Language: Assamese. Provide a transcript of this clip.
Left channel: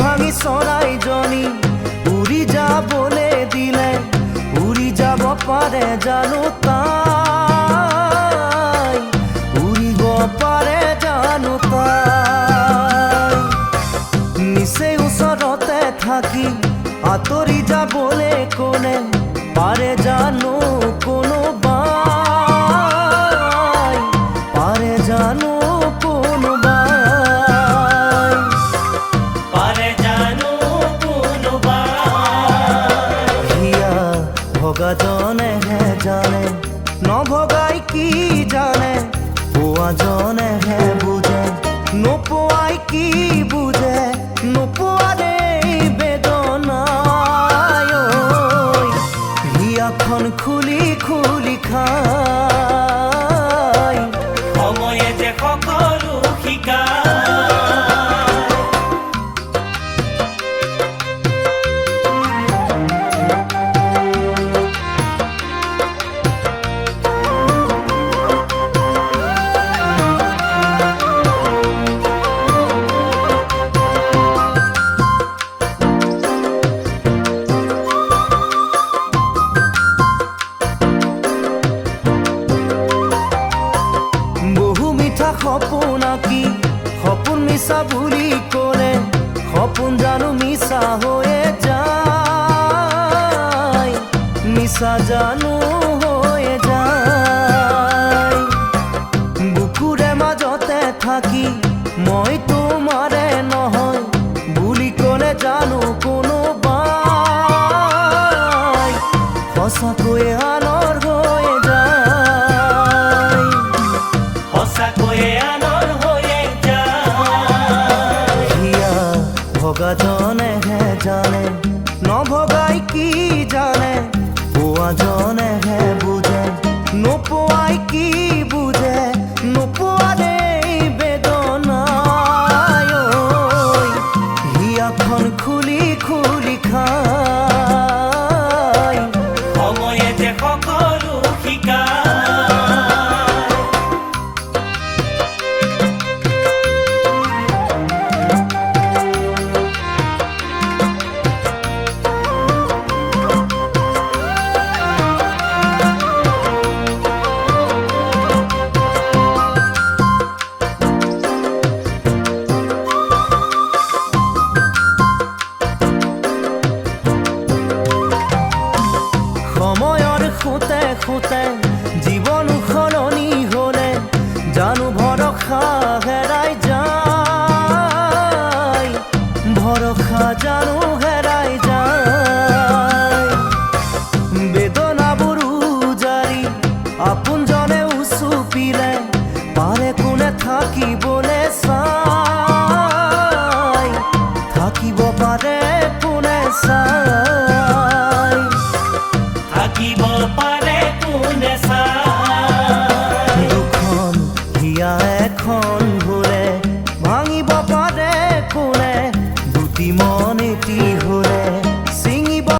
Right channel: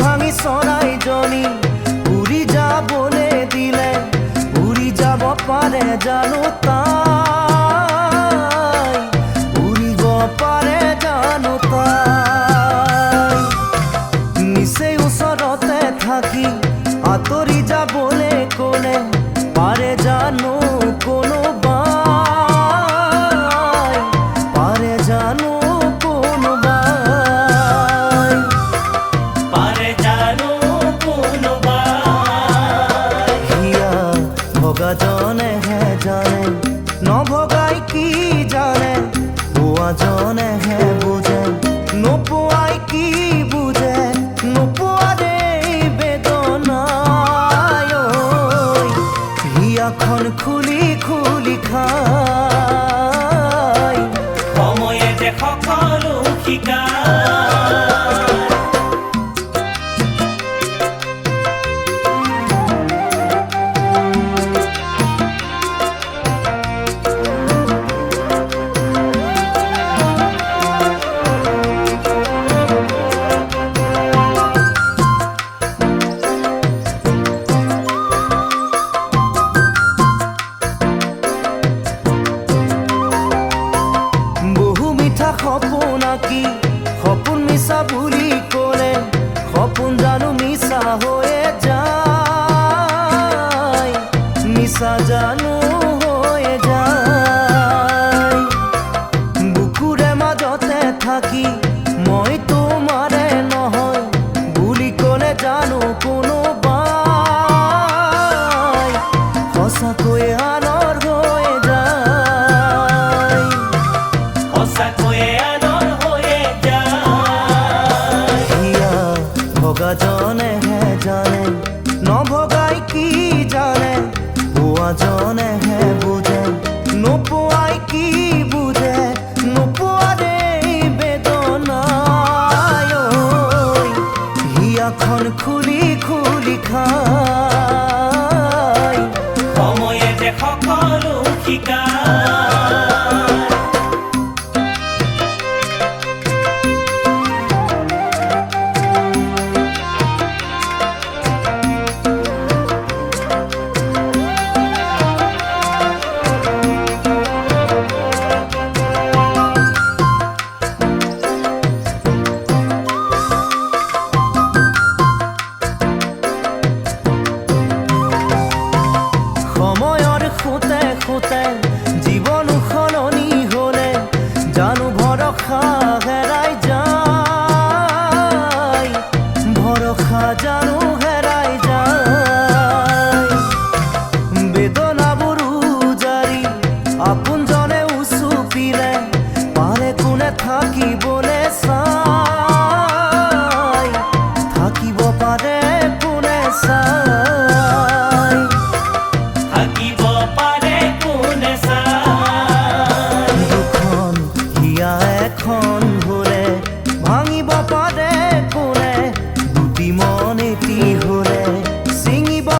ভাঙি চৰাইজনী উৰি যাবলৈ দিলে উৰি যাব পাৰে জানো তাই, উৰিব পাৰে জানো তাই। নিচেই ওচৰতে থাকি আঁতৰি যাবলৈ ক'লে পাৰে জানো কোনোবাই, পাৰে জানো কোনোবাই, পাৰে জানো কোনোবাই। হিয়া ভগাজনেহে জানে নভগাই কি জানে, পোৱাজনেহে বুজে নোপোৱাই কি বুজে, নোপোৱাৰে বেদনাই। হিয়াখন খুলি খুলি খাই সময়ে যে সকলো শিকায়। মিঠা সপোন আঁকি সপোন মিছা বুলি ক'লে সপোন জানো মিছা হৈয়ে যায়, মিছা জানো হৈয়ে যায়। বুকুৰে মাজতে থাকি মই তোমাৰে নহয় বুলি ক'লে জানো কোনোবাই সঁচাকৈয়ে আনৰ হৈয়ে যায়, সঁচাকৈয়ে আনৰ হৈয়ে যায়। হিয়া ভগাজনেহে জানে নভগাই কি জানে, পোৱাজনেহে বুজে নোপোৱাই কি বুজে, নোপোৱাৰে বেদনাই। হিয়াখন খুলি খুলি খাই সময়ে যে সকলো শিকায়। সময়ৰ খুঁতে খুঁতে জীৱন সলনি হ'লে জানো ভৰসা হেৰাই যায়, ভৰসা জানো হেৰাই যায়। বেদনাবোৰ উজাৰি আপোনজনে উচুপিলে পাৰে কোনে থাকিবলৈ চাই, থাকিব পাৰে কোনে চাই, থাকিব পাৰে কোনে চাই। দুখন হিয়া এখন হ'লে ভাঙিব পাৰে কোনে, দুটি মন এটি হ'লে ছিঙি